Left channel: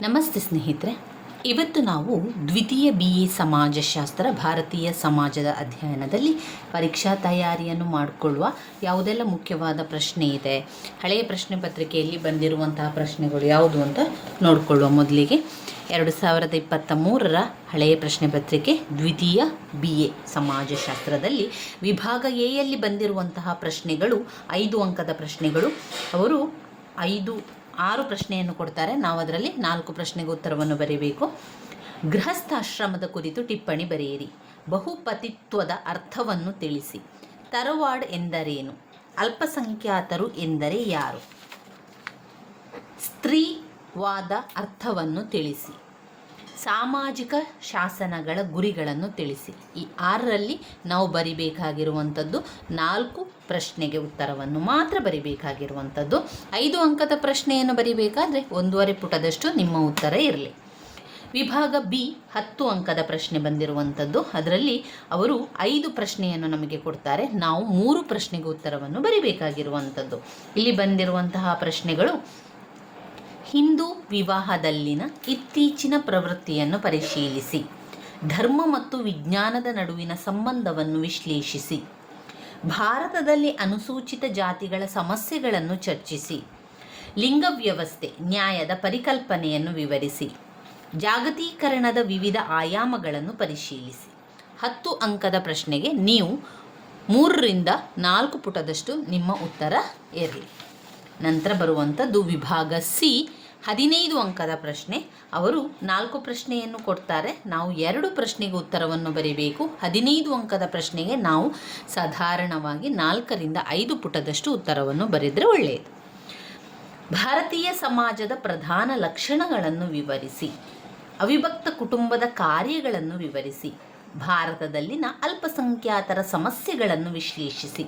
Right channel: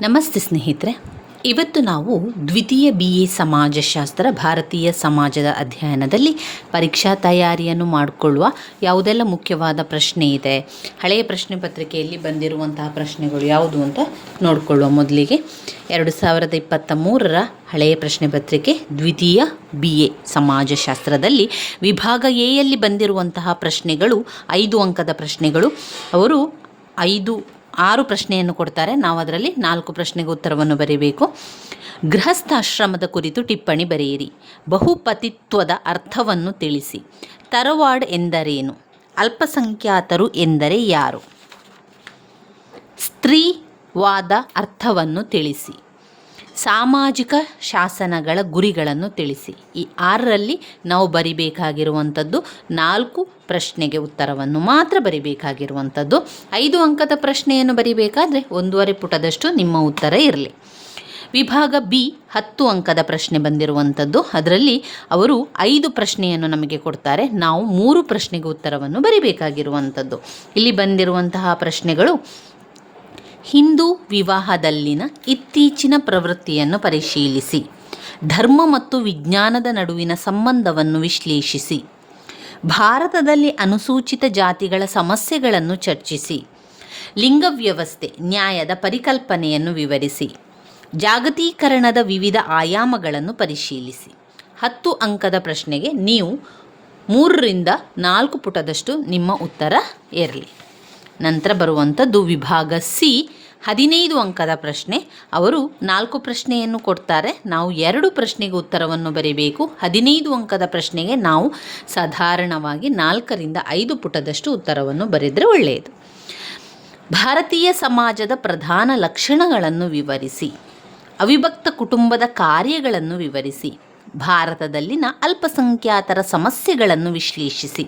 ನಮಸ್ತೆ ಸ್ನೇಹಿತರೆ, ಇವತ್ತು ನಾವು ದ್ವಿತೀಯ BA ಸಮಾಜಶಾಸ್ತ್ರ ಭಾರತೀಯ ಸಮಾಜದ ಅಧ್ಯಯನದಲ್ಲಿ ಪರೀಕ್ಷಾ ತಯಾರಿಯನ್ನು ಮಾಡಿಕೊಳ್ಳುವ ಯಾವುದೆಲ್ಲ ಮುಖ್ಯವಾದ ಪ್ರಶ್ನೆ ಇದೆ, ಹಳೆಯ ಪ್ರಶ್ನೆ ಪತ್ರಿಕೆಯಲ್ಲಿ ಬಂದಿರುವಂತಹ ಪ್ರಶ್ನೆಗಳು ಯಾವುದು ಅಂತ ನೋಡಿಕೊಳ್ಳುವ. ಮೊದಲಿಗೆ 2023ರ ಹಳೆಯ ಪ್ರಶ್ನೆ ಪತ್ರಿಕೆ ದ್ವಿತೀಯ BA ಸಮಾಜಶಾಸ್ತ್ರದಲ್ಲಿ ವಿಭಾಗ ಎಯಲ್ಲಿ ಬಂದಿರುವಂತಹ ಪ್ರಶ್ನೆಗಳು 5 ಅಂಕದ ಪ್ರಶ್ನೆಗಳು. ಅವರು 6 ಪ್ರಶ್ನೆಯನ್ನು ಕೊಡ್ತಾರೆ. ನಾವು ಅದರಲ್ಲಿ 4 ಪ್ರಶ್ನೆಗೆ ಉತ್ತರವನ್ನು ಬರೀಬೇಕು. ಗೃಹಸ್ಥಾಶ್ರಮದ ಕುರಿತು ಟಿಪ್ಪಣಿ ಬರೆಯಿರಿ. ಬಹುಪತಿತ್ವದ ಅರ್ಥವನ್ನು ತಿಳಿಸಿ. ತರವಾಡ್ ಎಂದರೇನು? ಅಲ್ಪಸಂಖ್ಯಾತರು ಎಂದರೆ ಯಾರು? ಸ್ತ್ರೀವಾದ ಅರ್ಥವನ್ನು ತಿಳಿಸಿ. ಸಾಮಾಜಿಕ ಶಾಸನಗಳ ಗುರಿಗಳನ್ನು ತಿಳಿಸಿ. ಈ 6ರಲ್ಲಿ ನಾವು ಬರಿಬೇಕಾಗಿರುವಂಥದ್ದು 4 ಪ್ರಶ್ನೆಗೆ ಉತ್ತರವನ್ನು ಮಾತ್ರ ಬರಿಬೇಕಾಗಿರುವಂಥದ್ದು. 5 ಅಂಕದ ಪ್ರಶ್ನೆಯನ್ನು ಬರಿಬೇಕಾದ್ರೆ 1.5 ಪುಟದಷ್ಟು ನಿಮ್ಮ ಉತ್ತರ ಇರಲಿ. ವಿಭಾಗ B 10 ಅಂಕದ ಪ್ರಶ್ನೆ ಬಂದಿರುವಂಥದ್ದು. ಅದರಲ್ಲಿ ಅವರು 5 ಪ್ರಶ್ನೆಯನ್ನು ನಮಗೆ ಕೊಡ್ತಾರೆ. ನಾವು 3 ಪ್ರಶ್ನೆಗೆ ಉತ್ತರವನ್ನು ಬರಿಬೇಕಾಗಿರುವಂಥದ್ದು. ಇಲ್ಲಿ ಬಂದಿರುವಂತಹ ಪ್ರಶ್ನೆಗಳು: ಹಿಂದೂ ವಿವಾಹದಲ್ಲಿನ ಇತ್ತೀಚಿನ ಪ್ರವೃತ್ತಿಯನ್ನು ಪರಿಶೀಲಿಸಿ. ಧರ್ಮ ಮತ್ತು ವಿಜ್ಞಾನದ ನಡುವಿನ ಸಂಬಂಧವನ್ನು ವಿಶ್ಲೇಷಿಸಿ. ಭಾರತದಲ್ಲಿ ಅನುಸೂಚಿತ ಜಾತಿಗಳ ಸಮಸ್ಯೆಗಳನ್ನು ಚರ್ಚಿಸಿ. ಲಿಂಗ ವ್ಯವಸ್ಥೆ ನ್ಯಾಯದ ಪರಿಕಲ್ಪನೆಯನ್ನು ವಿವರಿಸಿ. ಜಾಗತೀಕರಣದ ವಿವಿಧ ಆಯಾಮಗಳನ್ನು ಪರಿಶೀಲಿಸಿ. 10 ಅಂಕದ ಪ್ರಶ್ನೆಗೆ ನೀವು 3ರಿಂದ 4 ಪುಟದಷ್ಟು ನಿಮ್ಮ ಉತ್ತರ ಇರಲಿ. ನಂತರ ಬರುವಂಥದ್ದು ವಿಭಾಗ C 15 ಅಂಕದ ಪ್ರಶ್ನೆ. ಅವರು 4 ಪ್ರಶ್ನೆಯನ್ನು ಕೊಡ್ತಾರೆ. ನಾವು 2 ಪ್ರಶ್ನೆಗೆ ಉತ್ತರವನ್ನು ಬರೀಬೇಕು. 15 ಅಂಕದ ಪ್ರಶ್ನೆಗೆ ನಾವು ಸಾಧಾರಣವಾಗಿ 4ರಿಂದ 5 ಪುಟದಷ್ಟು ಉತ್ತರವನ್ನು ಬರೆದರೆ ಒಳ್ಳೆಯದು. ಭಾರತೀಯ ಸಮಾಜದ ಪ್ರಧಾನ ಲಕ್ಷಣಗಳನ್ನು ವಿವರಿಸಿ. ಅವಿಭಕ್ತ ಕುಟುಂಬದ ಕಾರ್ಯಗಳನ್ನು ವಿವರಿಸಿ. ಭಾರತದಲ್ಲಿನ ಅಲ್ಪಸಂಖ್ಯಾತರ ಸಮಸ್ಯೆಗಳನ್ನು ವಿಶ್ಲೇಷಿಸಿ.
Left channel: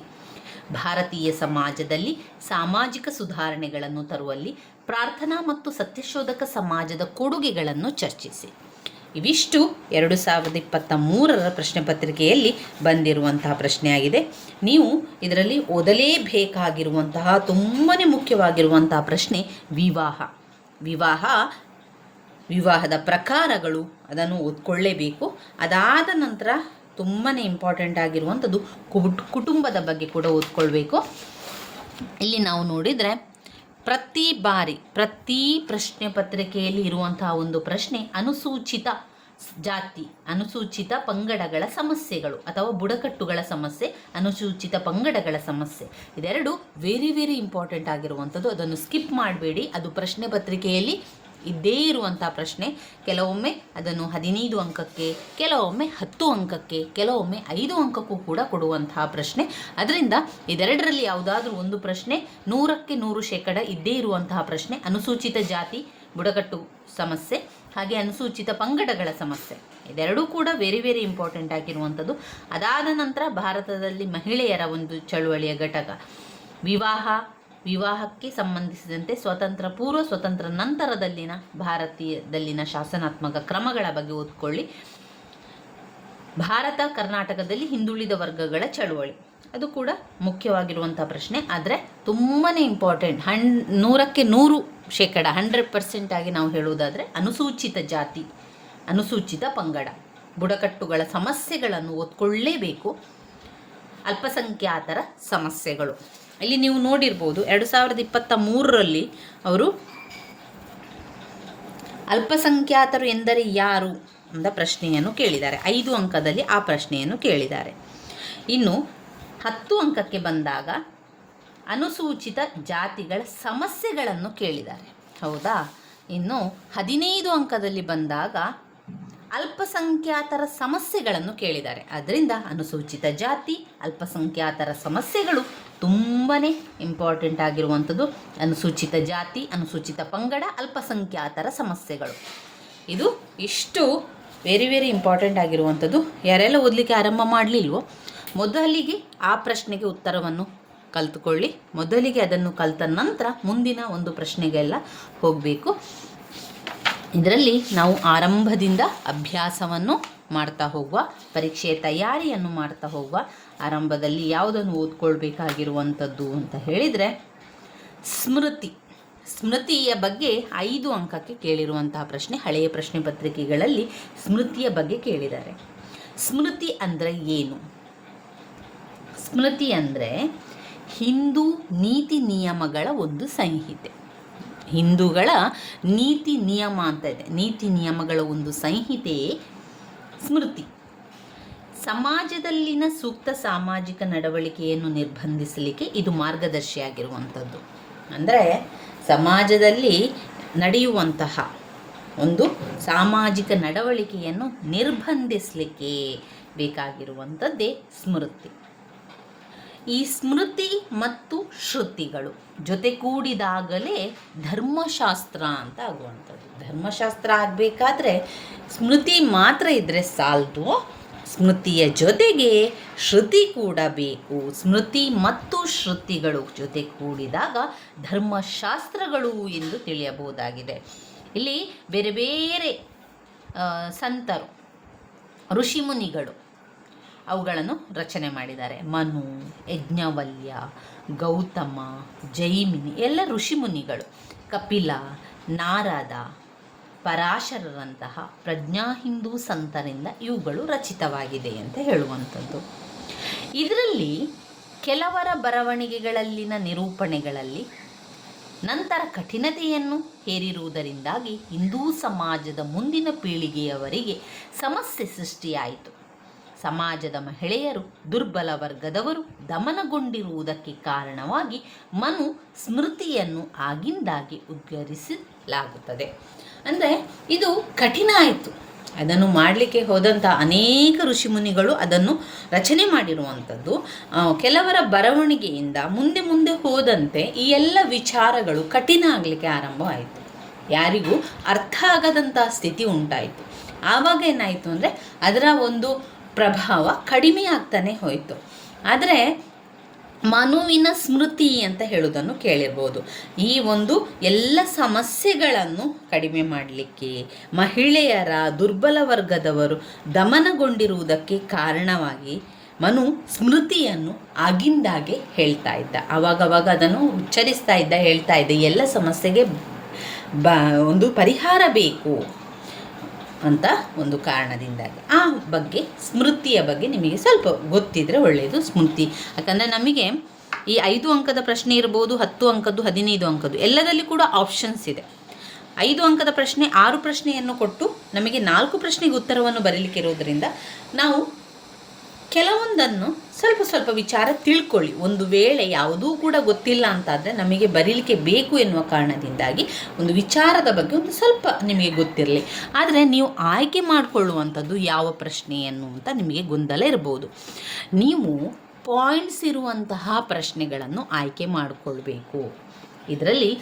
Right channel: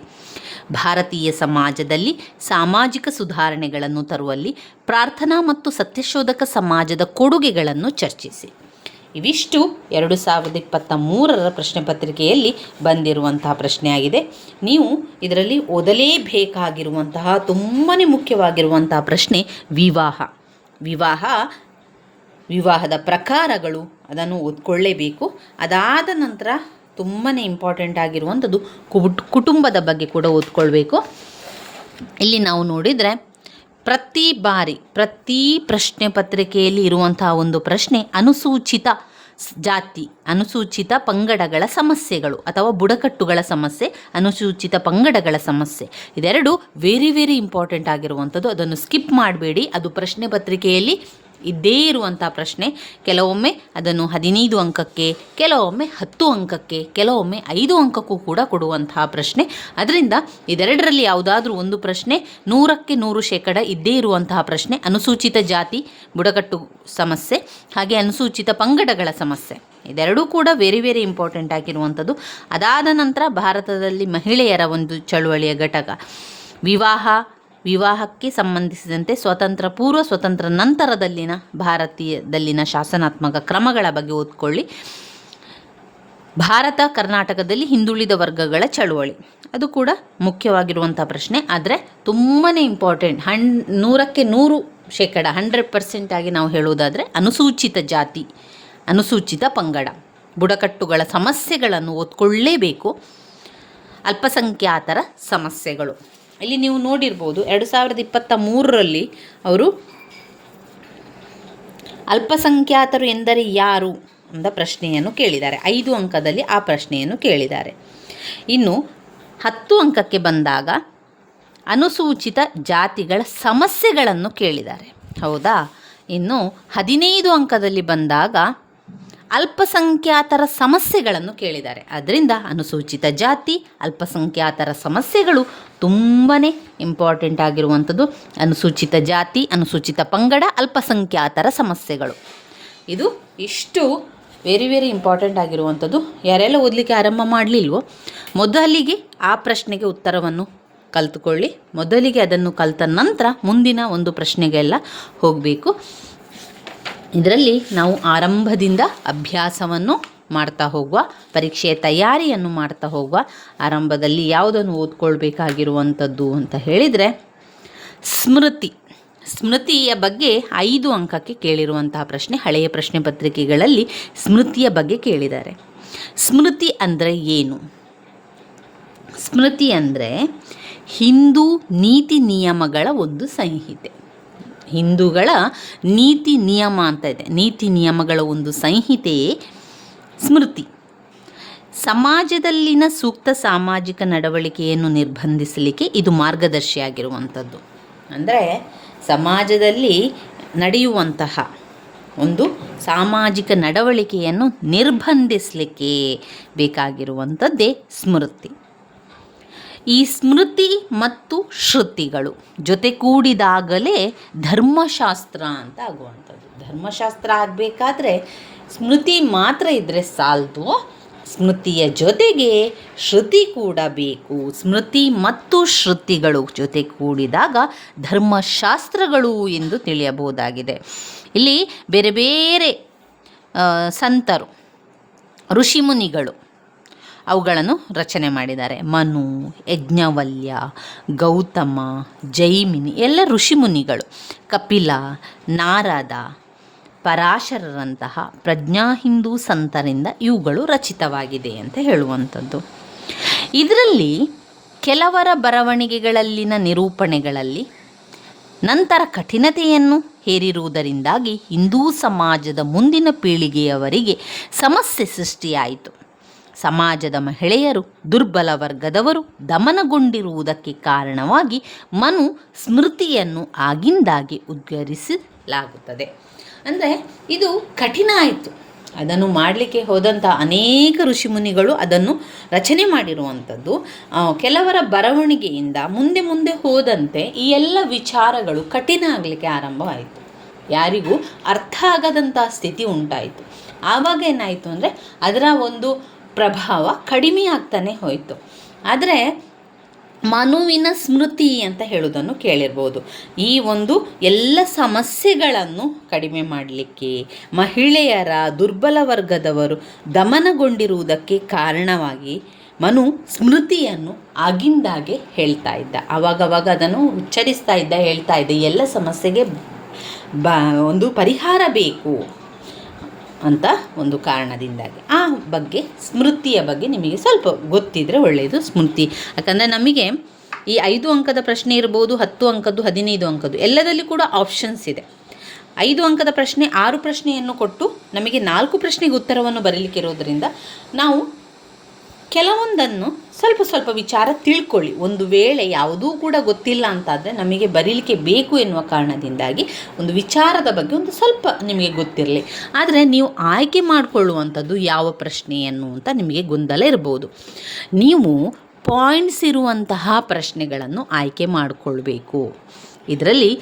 ಭಾರತೀಯ ಸಮಾಜದಲ್ಲಿ ಸಾಮಾಜಿಕ ಸುಧಾರಣೆಗಳನ್ನು ತರುವಲ್ಲಿ ಪ್ರಾರ್ಥನಾ ಮತ್ತು ಸತ್ಯಶೋಧಕ ಸಮಾಜದ ಕೊಡುಗೆಗಳನ್ನು ಚರ್ಚಿಸಿ. ಇವಿಷ್ಟು 2023ರ ಪ್ರಶ್ನೆ ಪತ್ರಿಕೆಯಲ್ಲಿ ಬಂದಿರುವಂತಹ ಪ್ರಶ್ನೆಯಾಗಿದೆ. ನೀವು ಇದರಲ್ಲಿ ಓದಲೇಬೇಕಾಗಿರುವಂತಹ ತುಂಬಾ ಮುಖ್ಯವಾಗಿರುವಂತಹ ಪ್ರಶ್ನೆ ವಿವಾಹದ ಪ್ರಕಾರಗಳು, ಅದನ್ನು ಓದ್ಕೊಳ್ಳೇಬೇಕು. ಅದಾದ ನಂತರ ತುಂಬಾ ಇಂಪಾರ್ಟೆಂಟ್ ಆಗಿರುವಂಥದ್ದು ಕುಟುಂಬದ ಬಗ್ಗೆ ಕೂಡ ಓದ್ಕೊಳ್ಬೇಕು. ಇಲ್ಲಿ ನಾವು ನೋಡಿದರೆ ಪ್ರತಿ ಪ್ರಶ್ನೆ ಪತ್ರಿಕೆಯಲ್ಲಿ ಇರುವಂತಹ ಒಂದು ಪ್ರಶ್ನೆ ಅನುಸೂಚಿತ ಜಾತಿ, ಅನುಸೂಚಿತ ಪಂಗಡಗಳ ಸಮಸ್ಯೆಗಳು ಅಥವಾ ಬುಡಕಟ್ಟುಗಳ ಸಮಸ್ಯೆ, ಅನುಸೂಚಿತ ಪಂಗಡಗಳ ಸಮಸ್ಯೆ, ಇದೆರಡು ವೆರಿ ಇಂಪಾರ್ಟೆಂಟ್ ಆಗಿರುವಂಥದ್ದು. ಅದನ್ನು ಸ್ಕಿಪ್ ಮಾಡಬೇಡಿ. ಅದು ಪ್ರಶ್ನೆ ಪತ್ರಿಕೆಯಲ್ಲಿ ಇದ್ದೇ ಇರುವಂಥ ಪ್ರಶ್ನೆ. ಕೆಲವೊಮ್ಮೆ ಅದನ್ನು 15 ಅಂಕಕ್ಕೆ, ಕೆಲವೊಮ್ಮೆ 10 ಅಂಕಕ್ಕೆ, ಕೆಲವೊಮ್ಮೆ 5 ಅಂಕಕ್ಕೂ ಕೂಡ ಕೊಡುವಂತಹ ಪ್ರಶ್ನೆ. ಅದರಿಂದ ಇದೆರಡರಲ್ಲಿ ಯಾವುದಾದ್ರೂ ಒಂದು ಪ್ರಶ್ನೆ 100ಕ್ಕೆ 100% ಇದ್ದೇ ಇರುವಂತಹ ಪ್ರಶ್ನೆ. ಅನುಸೂಚಿತ ಜಾತಿ, ಬುಡಕಟ್ಟು ಸಮಸ್ಯೆ, ಹಾಗೆ ಅನುಸೂಚಿತ ಪಂಗಡಗಳ ಸಮಸ್ಯೆ, ಇದೆರಡೂ ಕೂಡ ವೆರಿ ಇಂಪಾರ್ಟೆಂಟ್ ಆಗಿರುವಂಥದ್ದು. ಅದಾದ ನಂತರ ಭಾರತದಲ್ಲಿ ಮಹಿಳೆಯರ ಒಂದು ಚಳುವಳಿಯ ಘಟಕ ವಿವಾಹಕ್ಕೆ ಸಂಬಂಧಿಸಿದಂತೆ ಸ್ವತಂತ್ರ ಪೂರ್ವ, ಸ್ವತಂತ್ರ ನಂತರದಲ್ಲಿನ ಭಾರತೀಯದಲ್ಲಿನ ಶಾಸನಾತ್ಮಕ ಕ್ರಮಗಳ ಬಗ್ಗೆ ಓದ್ಕೊಳ್ಳಿ. ಭಾರತ ಕರ್ನಾಟಕದಲ್ಲಿ ಹಿಂದುಳಿದ ವರ್ಗಗಳ ಚಳುವಳಿ, ಅದು ಕೂಡ ಮುಖ್ಯವಾಗಿರುವಂಥ ಪ್ರಶ್ನೆ. ಆದರೆ ತುಂಬಾ ಇಂಪಾರ್ಟೆಂಟ್, 100ಕ್ಕೆ 100% 100% ಆಗಿ ನಾವು ಹೇಳುವುದಾದರೆ ಅನುಸೂಚಿತ ಜಾತಿ, ಅನುಸೂಚಿತ ಪಂಗಡ, ಬುಡಕಟ್ಟುಗಳ ಸಮಸ್ಯೆಗಳನ್ನು ಓದ್ಕೊಳ್ಳೇಬೇಕು. ಅಲ್ಪಸಂಖ್ಯಾತರ ಸಮಸ್ಯೆಗಳು, ಇಲ್ಲಿ ನೀವು ನೋಡಿರ್ಬೋದು 2023ರಲ್ಲಿ ಅವರು ಅಲ್ಪಸಂಖ್ಯಾತರು ಎಂದರೆ ಯಾರು ಎಂಬ ಪ್ರಶ್ನೆಯನ್ನು ಕೇಳಿದ್ದಾರೆ. 5 ಅಂಕದಲ್ಲಿ ಆ ಪ್ರಶ್ನೆಯನ್ನು ಕೇಳಿದ್ದಾರೆ. ಇನ್ನು 10 ಅಂಕಕ್ಕೆ ಬಂದಾಗ ಅನುಸೂಚಿತ ಜಾತಿಗಳ ಸಮಸ್ಯೆಗಳನ್ನು ಕೇಳಿದ್ದಾರೆ, ಹೌದಾ? ಇನ್ನು 15 ಅಂಕದಲ್ಲಿ ಬಂದಾಗ ಅಲ್ಪಸಂಖ್ಯಾತರ ಸಮಸ್ಯೆಗಳನ್ನು ಕೇಳಿದ್ದಾರೆ. ಅದರಿಂದ ಅನುಸೂಚಿತ ಜಾತಿ, ಅಲ್ಪಸಂಖ್ಯಾತರ ಸಮಸ್ಯೆಗಳು ತುಂಬಾ ಇಂಪಾರ್ಟೆಂಟ್ ಆಗಿರುವಂಥದ್ದು. ಅನುಸೂಚಿತ ಜಾತಿ, ಅನುಸೂಚಿತ ಪಂಗಡ, ಅಲ್ಪಸಂಖ್ಯಾತರ ಸಮಸ್ಯೆಗಳು, ಇದು ಇಷ್ಟು ವೆರಿ ಇಂಪಾರ್ಟೆಂಟ್ ಆಗಿರುವಂಥದ್ದು. ಯಾರೆಲ್ಲ ಓದಲಿಕ್ಕೆ ಆರಂಭ ಮಾಡಲಿಲ್ವೋ ಮೊದಲಿಗೆ ಆ ಪ್ರಶ್ನೆಗೆ ಉತ್ತರವನ್ನು ಕಲಿತುಕೊಳ್ಳಿ. ಮೊದಲಿಗೆ ಅದನ್ನು ಕಲಿತ ನಂತರ ಮುಂದಿನ ಒಂದು ಪ್ರಶ್ನೆಗೆಲ್ಲ ಹೋಗಬೇಕು. ಇದರಲ್ಲಿ ನಾವು ಆರಂಭದಿಂದ ಅಭ್ಯಾಸವನ್ನು ಮಾಡ್ತಾ ಹೋಗುವ, ಪರೀಕ್ಷೆಯ ತಯಾರಿಯನ್ನು ಮಾಡ್ತಾ ಹೋಗುವ. ಆರಂಭದಲ್ಲಿ ಯಾವುದನ್ನು ಓದ್ಕೊಳ್ಬೇಕಾಗಿರುವಂಥದ್ದು ಅಂತ ಹೇಳಿದರೆ ಸ್ಮೃತಿ, ಸ್ಮೃತಿಯ ಬಗ್ಗೆ 5 ಅಂಕಕ್ಕೆ ಕೇಳಿರುವಂತಹ ಪ್ರಶ್ನೆ. ಹಳೆಯ ಪ್ರಶ್ನೆ ಪತ್ರಿಕೆಗಳಲ್ಲಿ ಸ್ಮೃತಿಯ ಬಗ್ಗೆ ಕೇಳಿದ್ದಾರೆ. ಸ್ಮೃತಿ ಅಂದರೆ ಏನು? ಸ್ಮೃತಿ ಅಂದರೆ ಹಿಂದೂ ನೀತಿ ನಿಯಮಗಳ ಒಂದು ಸಂಹಿತೆ. ಹಿಂದೂಗಳ ನೀತಿ ನಿಯಮ ಅಂತ ಇದೆ, ನೀತಿ ನಿಯಮಗಳ ಒಂದು ಸಂಹಿತೆಯೇ ಸ್ಮೃತಿ. ಸಮಾಜದಲ್ಲಿನ ಸೂಕ್ತ ಸಾಮಾಜಿಕ ನಡವಳಿಕೆಯನ್ನು ನಿರ್ಬಂಧಿಸಲಿಕ್ಕೆ ಇದು ಮಾರ್ಗದರ್ಶಿಯಾಗಿರುವಂಥದ್ದು. ಅಂದರೆ ಸಮಾಜದಲ್ಲಿ ನಡೆಯುವಂತಹ ಒಂದು ಸಾಮಾಜಿಕ ನಡವಳಿಕೆಯನ್ನು ನಿರ್ಬಂಧಿಸಲಿಕ್ಕೆ ಬೇಕಾಗಿರುವಂಥದ್ದೇ ಸ್ಮೃತಿ. ಈ ಸ್ಮೃತಿ ಮತ್ತು ಶ್ರುತಿಗಳು ಜೊತೆಗೂಡಿದಾಗಲೇ ಧರ್ಮಶಾಸ್ತ್ರ ಅಂತ ಆಗುವಂಥದ್ದು. ಧರ್ಮಶಾಸ್ತ್ರ ಆಗಬೇಕಾದ್ರೆ ಸ್ಮೃತಿ ಮಾತ್ರ ಇದ್ದರೆ ಸಾಲದು, ಸ್ಮೃತಿಯ ಜೊತೆಗೆ ಶ್ರುತಿ ಕೂಡ ಬೇಕು. ಸ್ಮೃತಿ ಮತ್ತು ಶ್ರುತಿಗಳು ಜೊತೆ ಕೂಡಿದಾಗ ಧರ್ಮಶಾಸ್ತ್ರಗಳು ಎಂದು ತಿಳಿಯಬಹುದಾಗಿದೆ. ಇಲ್ಲಿ ಬೇರೆ ಬೇರೆ ಸಂತರು, ಋಷಿಮುನಿಗಳು ಅವುಗಳನ್ನು ರಚನೆ ಮಾಡಿದ್ದಾರೆ. ಮನು, ಯಜ್ಞವಲ್ಯ, ಗೌತಮ, ಜೈಮಿನಿ ಎಲ್ಲ ಋಷಿಮುನಿಗಳು. ಕಪಿಲ, ನಾರದ, ಪರಾಶರರಂತಹ ಪ್ರಜ್ಞಾ ಹಿಂದೂ ಸಂತರಿಂದ ಇವುಗಳು ರಚಿತವಾಗಿದೆ ಅಂತ ಹೇಳುವಂಥದ್ದು. ಇದರಲ್ಲಿ ಕೆಲವರ ಬರವಣಿಗೆಗಳಲ್ಲಿನ ನಿರೂಪಣೆಗಳಲ್ಲಿ ನಂತರ ಕಠಿಣತೆಯನ್ನು ಹೇರಿರುವುದರಿಂದಾಗಿ ಹಿಂದೂ ಸಮಾಜದ ಮುಂದಿನ ಪೀಳಿಗೆಯವರಿಗೆ ಸಮಸ್ಯೆ ಸೃಷ್ಟಿಯಾಯಿತು. ಸಮಾಜದ ಮಹಿಳೆಯರು, ದುರ್ಬಲ ವರ್ಗದವರು ದಮನಗೊಂಡಿರುವುದಕ್ಕೆ ಕಾರಣವಾಗಿ ಮನು ಸ್ಮೃತಿಯನ್ನು ಆಗಿಂದಾಗಿ ಉದ್ಗರಿಸಲಾಗುತ್ತದೆ. ಅಂದರೆ ಇದು ಕಠಿಣ ಆಯಿತು. ಅದನ್ನು ಮಾಡಲಿಕ್ಕೆ ಹೋದಂಥ ಅನೇಕ ಋಷಿಮುನಿಗಳು ಅದನ್ನು ರಚನೆ ಮಾಡಿರುವಂಥದ್ದು. ಕೆಲವರ ಬರವಣಿಗೆಯಿಂದ ಮುಂದೆ ಮುಂದೆ ಹೋದಂತೆ ಈ ಎಲ್ಲ ವಿಚಾರಗಳು ಕಠಿಣ ಆಗಲಿಕ್ಕೆ ಆರಂಭವಾಯಿತು. ಯಾರಿಗೂ ಅರ್ಥ ಆಗದಂಥ ಸ್ಥಿತಿ ಉಂಟಾಯಿತು. ಆವಾಗ ಏನಾಯಿತು ಅಂದರೆ ಅದರ ಒಂದು ಪ್ರಭಾವ ಕಡಿಮೆ ಆಗ್ತಾನೆ ಹೋಯಿತು. ಆದರೆ ಮನುವಿನ ಸ್ಮೃತಿ ಅಂತ ಹೇಳುವುದನ್ನು ಕೇಳಿರ್ಬೋದು. ಈ ಒಂದು ಎಲ್ಲ ಸಮಸ್ಯೆಗಳನ್ನು ಕಡಿಮೆ ಮಾಡಲಿಕ್ಕೆ, ಮಹಿಳೆಯರ, ದುರ್ಬಲ ವರ್ಗದವರು ದಮನಗೊಂಡಿರುವುದಕ್ಕೆ ಕಾರಣವಾಗಿ ಮನು ಸ್ಮೃತಿಯನ್ನು ಆಗಿಂದಾಗೆ ಹೇಳ್ತಾ ಇದ್ದ. ಆವಾಗವಾಗ ಅದನ್ನು ಉಚ್ಚರಿಸ್ತಾ ಇದ್ದ, ಹೇಳ್ತಾ ಇದ್ದ, ಎಲ್ಲ ಸಮಸ್ಯೆಗೆ ಒಂದು ಪರಿಹಾರ ಬೇಕು ಅಂತ ಒಂದು ಕಾರಣದಿಂದಾಗಿ. ಆ ಬಗ್ಗೆ ಸ್ಮೃತಿಯ ಬಗ್ಗೆ ನಿಮಗೆ ಸ್ವಲ್ಪ ಗೊತ್ತಿದ್ದರೆ ಒಳ್ಳೆಯದು. ಸ್ಮೃತಿ ಯಾಕಂದರೆ ನಮಗೆ ಈ 5 ಅಂಕದ ಪ್ರಶ್ನೆ ಇರ್ಬೋದು, 10 ಅಂಕದ್ದು, 15 ಅಂಕದ್ದು ಎಲ್ಲದಲ್ಲಿ ಕೂಡ ಆಪ್ಷನ್ಸ್ ಇದೆ. 5 ಅಂಕದ ಪ್ರಶ್ನೆ 6 ಪ್ರಶ್ನೆಯನ್ನು ಕೊಟ್ಟು ನಮಗೆ 4 ಪ್ರಶ್ನೆಗೆ ಉತ್ತರವನ್ನು ಬರೀಲಿಕ್ಕೆ ಇರೋದರಿಂದ ನಾವು ಕೆಲವೊಂದನ್ನು ಸ್ವಲ್ಪ ವಿಚಾರ ತಿಳ್ಕೊಳ್ಳಿ. ಒಂದು ವೇಳೆ ಯಾವುದೂ ಕೂಡ ಗೊತ್ತಿಲ್ಲ ಅಂತಾದರೆ ನಮಗೆ ಬರೀಲಿಕ್ಕೆ ಬೇಕು ಎನ್ನುವ ಕಾರಣದಿಂದಾಗಿ ಒಂದು ವಿಚಾರದ ಬಗ್ಗೆ ಒಂದು ಸ್ವಲ್ಪ ನಿಮಗೆ ಗೊತ್ತಿರಲಿ. ಆದರೆ ನೀವು ಆಯ್ಕೆ ಮಾಡಿಕೊಳ್ಳುವಂಥದ್ದು ಯಾವ ಪ್ರಶ್ನೆಯನ್ನು ಅಂತ ನಿಮಗೆ ಗೊಂದಲ ಇರ್ಬೋದು. ನೀವು ಪಾಯಿಂಟ್ಸ್ ಇರುವಂತಹ ಪ್ರಶ್ನೆಗಳನ್ನು ಆಯ್ಕೆ ಮಾಡಿಕೊಳ್ಬೇಕು. ಇದರಲ್ಲಿ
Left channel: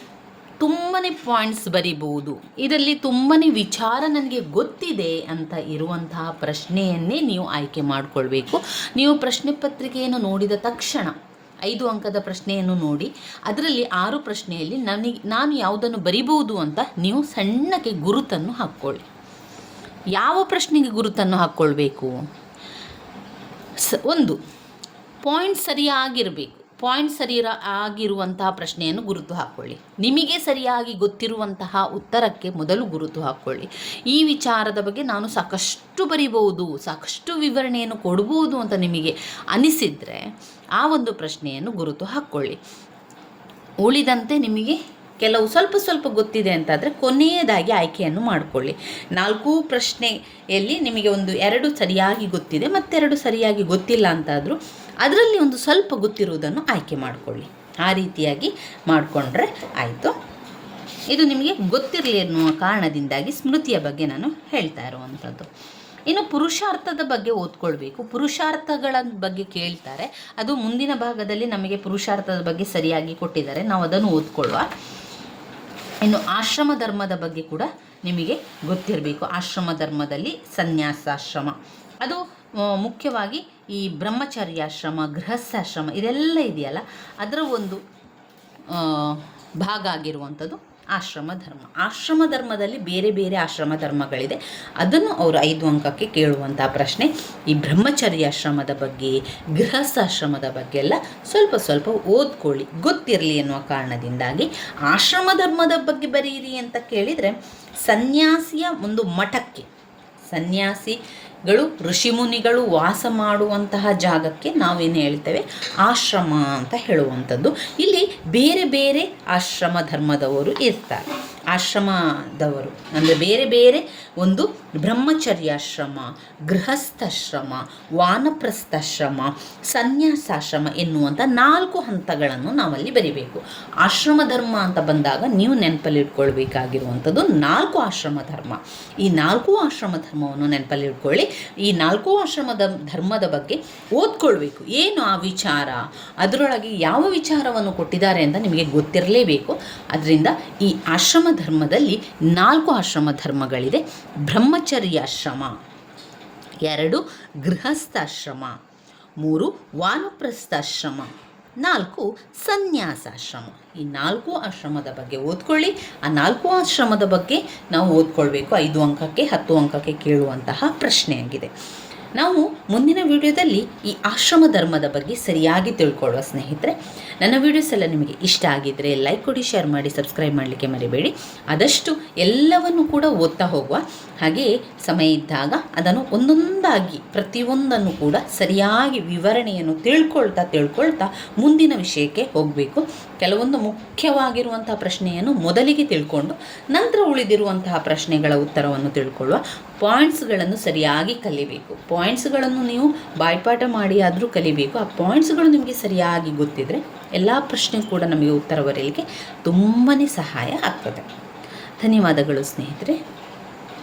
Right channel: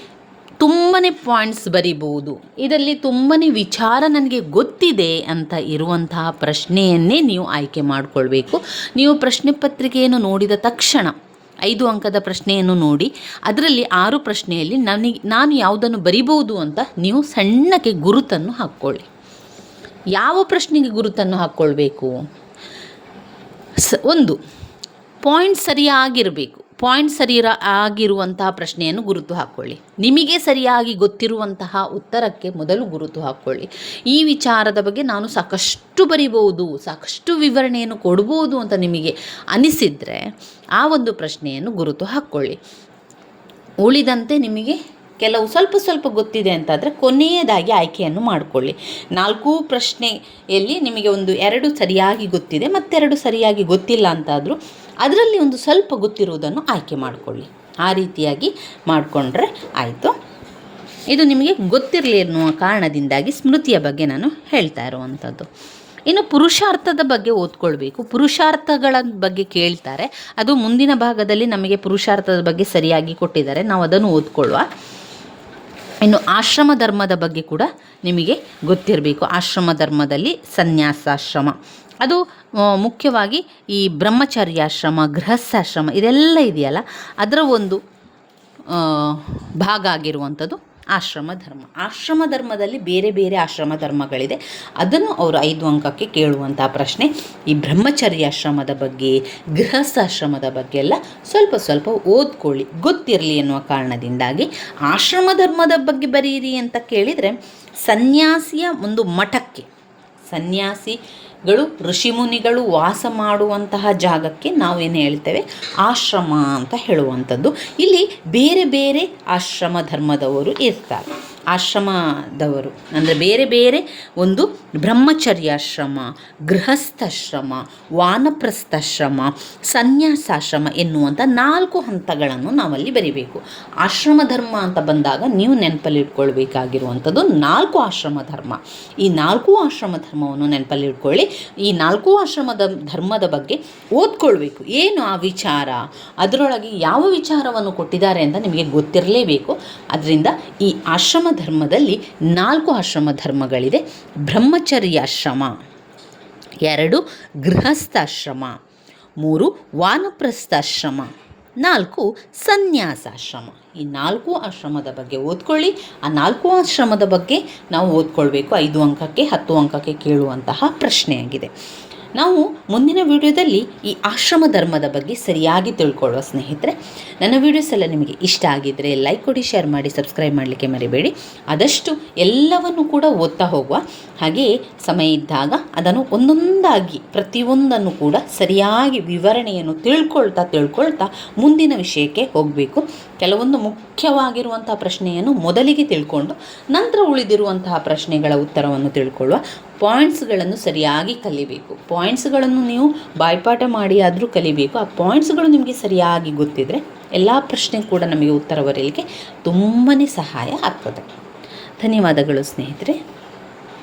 ತುಂಬಾ ಪಾಯಿಂಟ್ಸ್ ಬರಿಬೋದು. ಇದರಲ್ಲಿ ತುಂಬಾ ವಿಚಾರ ನನಗೆ ಗೊತ್ತಿದೆ ಅಂತ ಇರುವಂತಹ ಪ್ರಶ್ನೆಯನ್ನೇ ನೀವು ಆಯ್ಕೆ ಮಾಡಿಕೊಳ್ಬೇಕು. ನೀವು ಪ್ರಶ್ನೆ ಪತ್ರಿಕೆಯನ್ನು ನೋಡಿದ ತಕ್ಷಣ 5 ಅಂಕದ ಪ್ರಶ್ನೆಯನ್ನು ನೋಡಿ ಅದರಲ್ಲಿ 6 ಪ್ರಶ್ನೆಯಲ್ಲಿ ನಾನು ಯಾವುದನ್ನು ಬರಿಬೋದು ಅಂತ ನೀವು ಸಣ್ಣಕ್ಕೆ ಗುರುತನ್ನು ಹಾಕ್ಕೊಳ್ಳಿ. ಯಾವ ಪ್ರಶ್ನೆಗೆ ಗುರುತನ್ನು ಹಾಕ್ಕೊಳ್ಬೇಕು? ಒಂದು ಪಾಯಿಂಟ್ ಸರಿಯಾಗಿರಬೇಕು. ಪಾಯಿಂಟ್ ಆಗಿರುವಂತಹ ಪ್ರಶ್ನೆಯನ್ನು ಗುರುತು ಹಾಕ್ಕೊಳ್ಳಿ. ನಿಮಗೆ ಸರಿಯಾಗಿ ಗೊತ್ತಿರುವಂತಹ ಉತ್ತರಕ್ಕೆ ಮೊದಲು ಗುರುತು ಹಾಕ್ಕೊಳ್ಳಿ. ಈ ವಿಚಾರದ ಬಗ್ಗೆ ನಾನು ಸಾಕಷ್ಟು ಬರಿಬೋದು, ಸಾಕಷ್ಟು ವಿವರಣೆಯನ್ನು ಕೊಡ್ಬೋದು ಅಂತ ನಿಮಗೆ ಅನಿಸಿದರೆ ಆ ಒಂದು ಪ್ರಶ್ನೆಯನ್ನು ಗುರುತು ಹಾಕ್ಕೊಳ್ಳಿ. ಉಳಿದಂತೆ ನಿಮಗೆ ಕೆಲವು ಸ್ವಲ್ಪ ಗೊತ್ತಿದೆ ಅಂತಾದರೆ ಕೊನೆಯದಾಗಿ ಆಯ್ಕೆಯನ್ನು ಮಾಡಿಕೊಳ್ಳಿ. 4 ಪ್ರಶ್ನೆಯಲ್ಲಿ ನಿಮಗೆ 2 ಸರಿಯಾಗಿ ಗೊತ್ತಿದೆ, ಮತ್ತೆರಡು ಸರಿಯಾಗಿ ಗೊತ್ತಿಲ್ಲ ಅಂತಾದರೂ ಅದರಲ್ಲಿ ಒಂದು ಸ್ವಲ್ಪ ಗೊತ್ತಿರುವುದನ್ನು ಆಯ್ಕೆ ಮಾಡಿಕೊಳ್ಳಿ. ಆ ರೀತಿಯಾಗಿ ಮಾಡಿಕೊಂಡ್ರೆ ಆಯಿತು. ಇದು ನಿಮಗೆ ಗೊತ್ತಿರಲಿ ಎನ್ನುವ ಕಾರಣದಿಂದಾಗಿ ಸ್ಮೃತಿಯ ಬಗ್ಗೆ ನಾನು ಹೇಳ್ತಾ ಇರುವಂಥದ್ದು. ಇನ್ನು ಪುರುಷಾರ್ಥದ ಬಗ್ಗೆ ಓದ್ಕೊಳ್ಬೇಕು. ಪುರುಷಾರ್ಥಗಳ ಬಗ್ಗೆ ಕೇಳ್ತಾರೆ, ಅದು ಮುಂದಿನ ಭಾಗದಲ್ಲಿ ನಮಗೆ ಪುರುಷಾರ್ಥದ ಬಗ್ಗೆ ಸರಿಯಾಗಿ ಕೊಟ್ಟಿದ್ದಾರೆ, ನಾವು ಅದನ್ನು ಓದ್ಕೊಳ್ಳುವ. ಇನ್ನು ಆಶ್ರಮ ಧರ್ಮದ ಬಗ್ಗೆ ಕೂಡ ನಿಮಗೆ ಗೊತ್ತಿರಬೇಕು. ಆಶ್ರಮ ಧರ್ಮದಲ್ಲಿ ಸನ್ಯಾಸಾಶ್ರಮ, ಅದು ಮುಖ್ಯವಾಗಿ ಈ ಬ್ರಹ್ಮಚರ್ಯಾಶ್ರಮ, ಗೃಹಸ್ಥಾಶ್ರಮ ಇದೆಲ್ಲ ಇದೆಯಲ್ಲ, ಅದರ ಒಂದು ಭಾಗ ಆಗಿರುವಂಥದ್ದು ಆಶ್ರಮ ಧರ್ಮದಲ್ಲಿ ಬೇರೆ ಬೇರೆ ಆಶ್ರಮ ಧರ್ಮಗಳಿದೆ. ಅದನ್ನು ಅವರು 5 ಅಂಕಕ್ಕೆ ಕೇಳುವಂಥ ಪ್ರಶ್ನೆ. ಈ ಬ್ರಹ್ಮಚರ್ಯಾಶ್ರಮದ ಬಗ್ಗೆ, ಗೃಹಸ್ಥಾಶ್ರಮದ ಬಗ್ಗೆ ಎಲ್ಲ ಸ್ವಲ್ಪ ಓದ್ಕೊಳ್ಳಿ, ಗೊತ್ತಿರಲಿ ಎನ್ನುವ ಕಾರಣದಿಂದಾಗಿ. ಆಶ್ರಮ ಧರ್ಮದ ಬಗ್ಗೆ ಬರೀರಿ ಅಂತ ಕೇಳಿದರೆ, ಸನ್ಯಾಸಿಯ ಒಂದು ಮಠಕ್ಕೆ, ಸನ್ಯಾಸಿಗಳು ಋಷಿಮುನಿಗಳು ವಾಸ ಮಾಡುವಂತಹ ಜಾಗಕ್ಕೆ ನಾವೇನು ಹೇಳ್ತೇವೆ, ಆಶ್ರಮ ಅಂತ ಹೇಳುವಂಥದ್ದು. ಇಲ್ಲಿ ಬೇರೆ ಬೇರೆ ಆಶ್ರಮ ಧರ್ಮದವರು ಇರ್ತಾರೆ. ಆಶ್ರಮದವರು ಅಂದರೆ ಬೇರೆ ಬೇರೆ ಒಂದು ಬ್ರಹ್ಮಚರ್ಯಾಶ್ರಮ, ಗೃಹಸ್ಥಾಶ್ರಮ, ವಾನಪ್ರಸ್ಥಾಶ್ರಮ, ಸನ್ಯಾಸಾಶ್ರಮ ಎನ್ನುವಂಥ 4 ಹಂತಗಳನ್ನು ನಾವಲ್ಲಿ ಬರಿಬೇಕು. ಆಶ್ರಮ ಧರ್ಮ ಅಂತ ಬಂದಾಗ ನೀವು ನೆನಪಲ್ಲಿ ಇಟ್ಕೊಳ್ಬೇಕಾಗಿರುವಂಥದ್ದು 4 ಆಶ್ರಮ ಧರ್ಮ. ಈ 4 ಆಶ್ರಮ ಧರ್ಮವನ್ನು ನೆನಪಲ್ಲಿ ಇಟ್ಕೊಳ್ಳಿ. ಈ 4 ಆಶ್ರಮದ ಧರ್ಮದ ಬಗ್ಗೆ ಓದ್ಕೊಳ್ಬೇಕು. ಏನು ಆ ವಿಚಾರ, ಅದರೊಳಗೆ ಯಾವ ವಿಚಾರವನ್ನು ಕೊಟ್ಟಿದ್ದಾರೆ ಅಂತ ನಿಮಗೆ ಗೊತ್ತಿರಲೇಬೇಕು. ಅದರಿಂದ ಈ ಆಶ್ರಮ ಧರ್ಮದಲ್ಲಿ 4 ಆಶ್ರಮ ಧರ್ಮಗಳಿದೆ. ಬ್ರಹ್ಮಚರ್ಯಾಶ್ರಮ, 2 ಗೃಹಸ್ಥಾಶ್ರಮ, 3 ವಾನಪ್ರಸ್ಥಾಶ್ರಮ, 4 ಸನ್ಯಾಸಾಶ್ರಮ. ಈ 4 ಆಶ್ರಮದ ಬಗ್ಗೆ ಓದ್ಕೊಳ್ಳಿ. ಆ 4 ಆಶ್ರಮದ ಬಗ್ಗೆ ನಾವು ಓದ್ಕೊಳ್ಬೇಕು. 5 ಅಂಕಕ್ಕೆ 10 ಅಂಕಕ್ಕೆ ಕೇಳುವಂತಹ ಪ್ರಶ್ನೆಯಾಗಿದೆ. ನಾವು ಮುಂದಿನ ವಿಡಿಯೋದಲ್ಲಿ ಈ ಆಶ್ರಮ ಧರ್ಮದ ಬಗ್ಗೆ ಸರಿಯಾಗಿ ತಿಳ್ಕೊಳ್ಳುವ ಸ್ನೇಹಿತರೆ. ನನ್ನ ವಿಡಿಯೋಸ್ ಎಲ್ಲ ನಿಮಗೆ ಇಷ್ಟ ಆಗಿದ್ದರೆ ಲೈಕ್ ಕೊಡಿ, ಶೇರ್ ಮಾಡಿ, ಸಬ್ಸ್ಕ್ರೈಬ್ ಮಾಡಲಿಕ್ಕೆ ಮರಿಬೇಡಿ. ಆದಷ್ಟು ಎಲ್ಲವನ್ನು ಕೂಡ ಓದ್ತಾ ಹೋಗುವ. ಹಾಗೆಯೇ ಸಮಯ ಇದ್ದಾಗ ಅದನ್ನು ಒಂದೊಂದಾಗಿ ಪ್ರತಿಯೊಂದನ್ನು ಕೂಡ ಸರಿಯಾಗಿ ವಿವರಣೆಯನ್ನು ತಿಳ್ಕೊಳ್ತಾ ಮುಂದಿನ ವಿಷಯಕ್ಕೆ ಹೋಗಬೇಕು. ಕೆಲವೊಂದು ಮುಖ್ಯವಾಗಿರುವಂಥ ಪ್ರಶ್ನೆಯನ್ನು ಮೊದಲಿಗೆ ತಿಳ್ಕೊಂಡು ನಂತರ ಉಳಿದಿರುವಂತಹ ಪ್ರಶ್ನೆಗಳ ಉತ್ತರವನ್ನು ತಿಳ್ಕೊಳ್ಳುವ. ಪಾಯಿಂಟ್ಸ್ಗಳನ್ನು ಸರಿಯಾಗಿ ಕಲಿಬೇಕು. ಪಾಯಿಂಟ್ಸ್ಗಳನ್ನು ನೀವು ಬಾಯ್ಪಾಠ ಮಾಡಿ ಆದರೂ ಕಲಿಬೇಕು. ಆ ಪಾಯಿಂಟ್ಸ್ಗಳು ನಿಮಗೆ ಸರಿಯಾಗಿ ಗೊತ್ತಿದ್ದರೆ ಎಲ್ಲ ಪ್ರಶ್ನೆ ಕೂಡ ನಮಗೆ ಉತ್ತರ ಬರೆಯಲಿಕ್ಕೆ ತುಂಬಾ ಸಹಾಯ ಆಗ್ತದೆ. ಧನ್ಯವಾದಗಳು ಸ್ನೇಹಿತರೆ.